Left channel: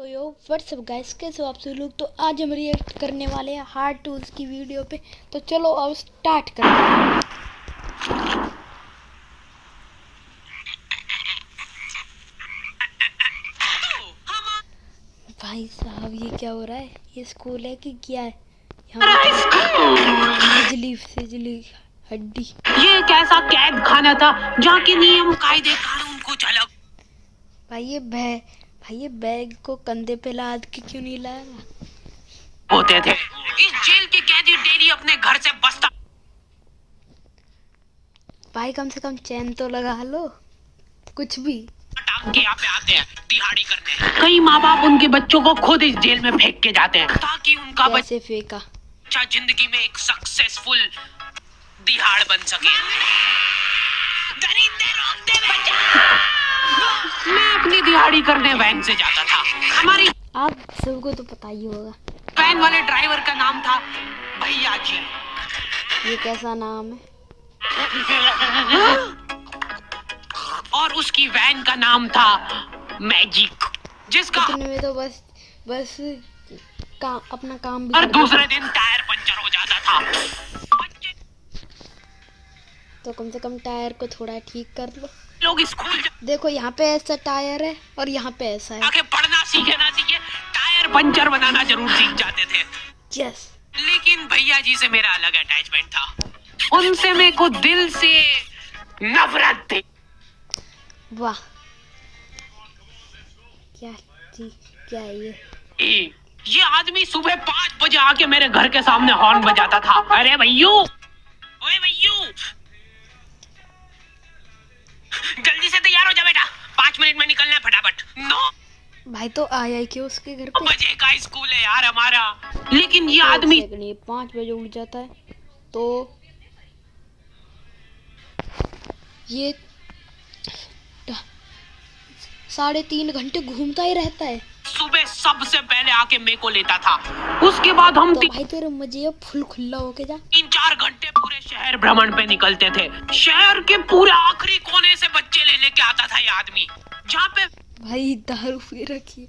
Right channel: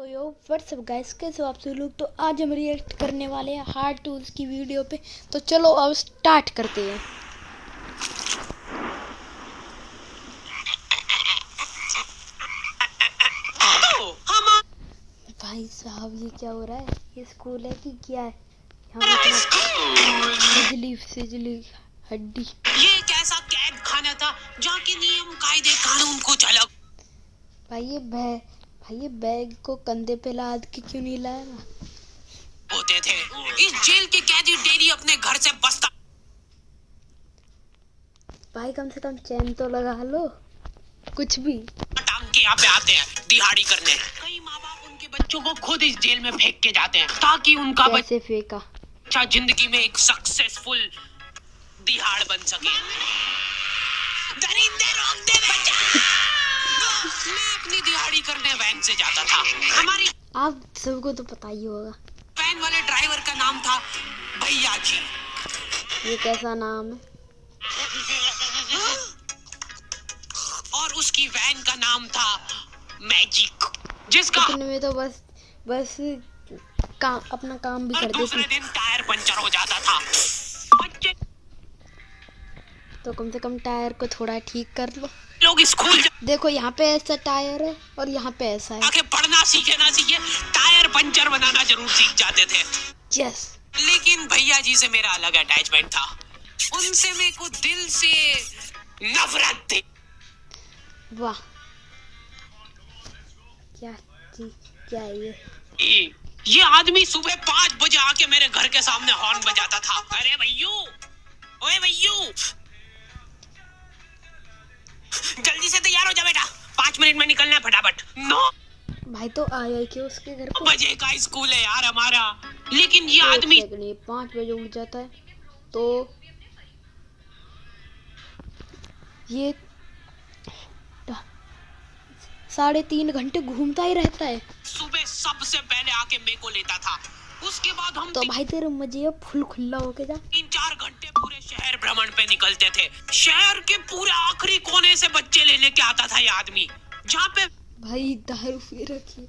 तो यो WhatsApp guys, कैसे हो आप सभी लोग। तो आज हम रिएक्ट करने वाले हैं हार्ड टूल्स की वीडियो पे। तो चलो अब स्टार्ट करते हैं। भाई साहब, ये क्या हो रहा है? ये स्कूल है कि क्या है? यहाँ बिजली फिजली हड्डी। ये एक ऐसा कैद खाना था जहाँ के नियम कायदे कानून कुछ अलग भाई ये बैग को कंधे पे लाद के क्यों नहीं लाया? होते थे। इस जेल के कैदी डेली अपने घर से बस्ता भाई कम से कम चैन तो लगा लो, कुछ भी। टांग के यहाँ पे आते हैं दिहाड़ी करने। कई माँ बाप उनके बच्चों को खुद इस जेल में फेंक के जाते हैं ताकि उनका कैसे फेंका? बच्चा जिंदगी में एक सक्सेसफुल दिहाड़ बन सके। दरिंदे रोक दे बच्चा। मैं अपनी दिहाड़ी करने वैन से जाता था। हमारी आप सबको तो पता ही होगा। वैन वाले ड्राइवर का नाम था भैया जी। ये कैसा नाम है? और उसकी वैन का नाम था मैजिक, जिसका इतने में तो बस अपना काम भी हर करते दूसरे थे। दिन टायर पंचर हो जाता था। बच्चे तो कम से कम टायर को थोड़ा ठीक कर लो। लोग स्कूल देखो यहाँ पे ऐसा टायर है और यहाँ पे ऐसा है। आके पढ़ना सीखे ना सीखे टायर पंचर बनाना जरूर सीख जाते थे। यस। लेकिन भैया जी से मेरा अलग अटैचमेंट था। उनसे मेरे को दिल से नफरत थी। वाह, क्या है ये आदमी सुबह 5 बजे आके मेरे घर के सामने हॉर्न बजाता था। अरे भैयू, ओए भैयू, जल्दी से तैयार हो जा बेटा, 5 मिनट में निकलना है फटाफट। नो भाई, तो आया ही क्यों उसके घर पे? बजे का स्कूल है यार हमारा। लेकिन ये आदमी 5 बजे उठ जाता है तो ये 3.5 घंटे घूमता ही रहता है। सुबह सबसे पहले आके मेरे को लेता था। उसके बाद हम तो भाई तेरे मजे अब फुल खुला होके जा। 3-4 घंटे पूरे शहर भ्रमण पे निकलते थे। शहर के पूरे आखिरी कोने से बच्चे ले लेके आता था ये आदमी, जहाँ पे भाई दारू पी रखी।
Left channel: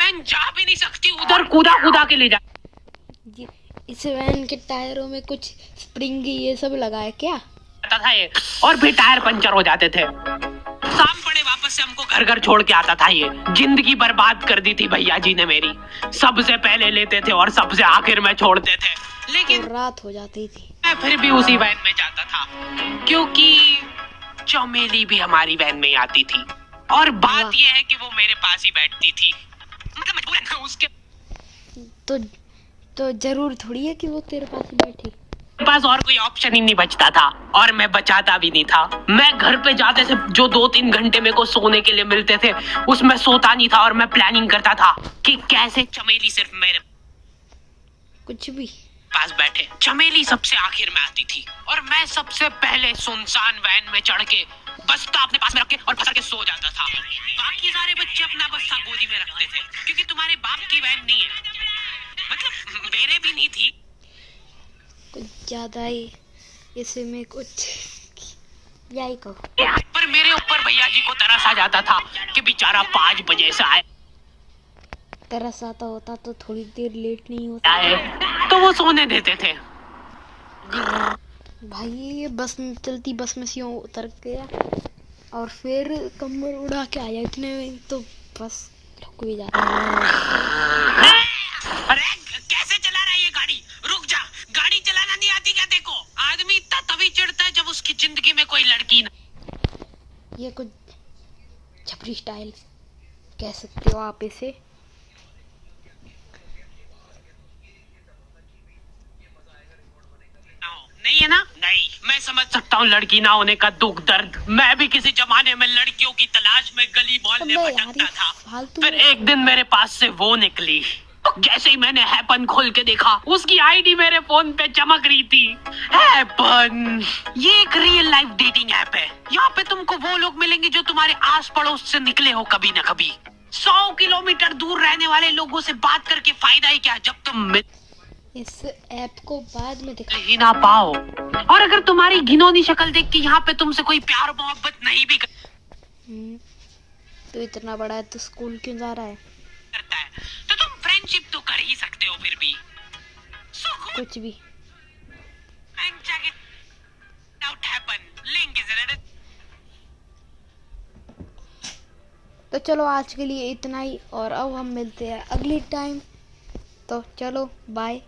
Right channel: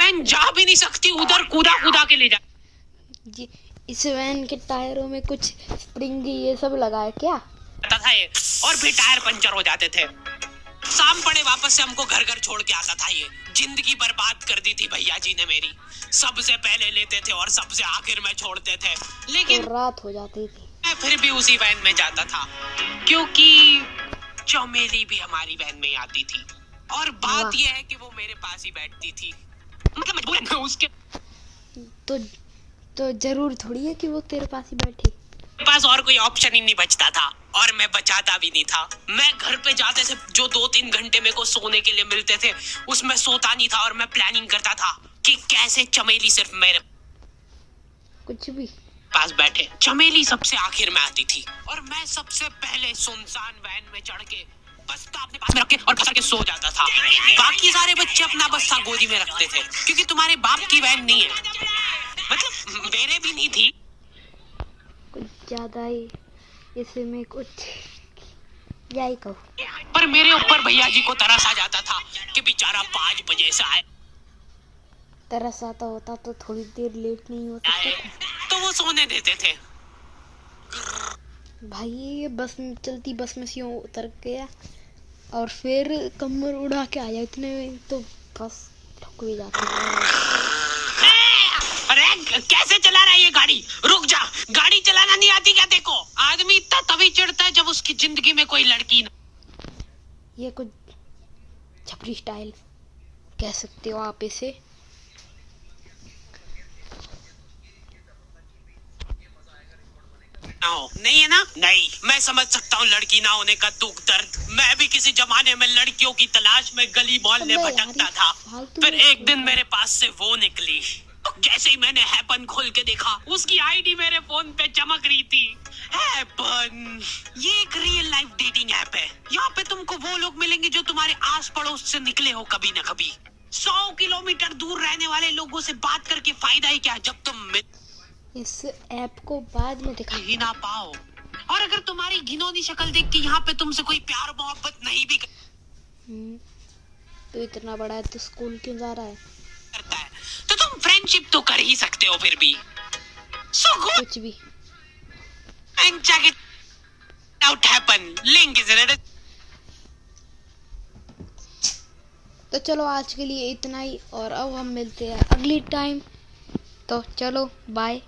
वैन जा भी नहीं सकती, उधर कूदा के ले जा। इस वैन के टायरों में कुछ स्प्रिंग ये सब लगा है क्या? था ये, और फिर टायर पंचर हो जाते थे। शाम पड़े वापस से हमको घर छोड़ के आता था। ये जिंदगी बर्बाद कर दी थी भैया जी ने मेरी। सबसे पहले लेते थे और सबसे आखिर में छोड़ते थे। लेकिन तो रात हो जाती थी। मैं फिर भी उसी वैन में जाता था क्योंकि चमेली भी हमारी वैन में आती थी। और बात यह है कि वो मेरे पास ही बैठती थी। मतलब मजबूरन उसके तो जरूर थोड़ी है कि वो तेरे पास ही बैठी। पास और कोई ऑप्शन ही नहीं बचता था और मैं बचाता भी नहीं था। मैं घर पे जाते से जो 2-3 घंटे मेरे को सोने के लिए मिलते थे उसमें सोता नहीं था और मैं प्लानिंग करता था कि कैसे चमेली सिर्फ मेरे कुछ भी पास बैठे। चमेली सबसे आखिर में आती थी और मैं सबसे पहले सुनसान वैन में चढ़ के बस्ता अपने पास में रख के और फंसा के सो जाता था। बाकी सारे बच्चे अपना बस्ता गोदी में रखते थे क्योंकि तुम्हारे बाप की वैन नहीं है, मतलब मेरे भी नहीं थी। कुछ ज्यादा ही इसमें कुछ यही कहो। पर मेरे ऊपर भैया जी को तरस आ जाता था कि बेचारा 5 बजे से आए। तरस आता होता तो थोड़ी देर लेट नहीं होता तो वो सोने देते थे। भाई ये चलती बस में से उतर गया और फिर कमर उड़ा के आया। इतने में तो बस ठुक भी जाता है। अरे कैसे चला रहा है ये गाड़ी? रुक जा, गाड़ी चलाना नहीं आती क्या? देखो आदमी इतना तभी चिढ़ता है जब उसकी जिंदगी में कोई लड़की ना। ये कुछ छपरी स्टाइल कह सकते हो आप इसे। नहीं है ना? नहीं, मैं समझ सकता हूँ लड़की ना होने का दुख दर्द। मैं भी किसी जमाने में लड़कियों की तलाश में गली मोहल्ले भटकता था। फिर एक दिन मेरे पास से वो निकली। जैसे ही मैंने हैपन खोल के देखा उसकी आईडी मेरे फोन पे चमक रही थी। हैपन ये एक रियल लाइफ डेटिंग ऐप है। यहाँ पे तुमको वो लोग मिलेंगे जो तुम्हारे आस पड़ोस से निकले हो कभी न कभी। 100 किलोमीटर दूर रहने वाले लोगों से बात करके फायदा ही क्या जब तुम इस ऐप को बाद में दिखा ही ना पाओ। और अगर तुम्हारी घिनौनी शक्ल देख के यहाँ पे तुमसे कोई प्यार मोहब्बत नहीं भी तो इतना बड़ा है तो स्कूल क्यों जा रहा है? करता फ्रेंडशिप तो कर ही सकते हो फिर भी। So good कुछ भी। and check it out happen. Link is in it. तो चलो आज के लिए इतना ही, और अब हम मिलते हैं अगली टाइम। तो चलो बाय।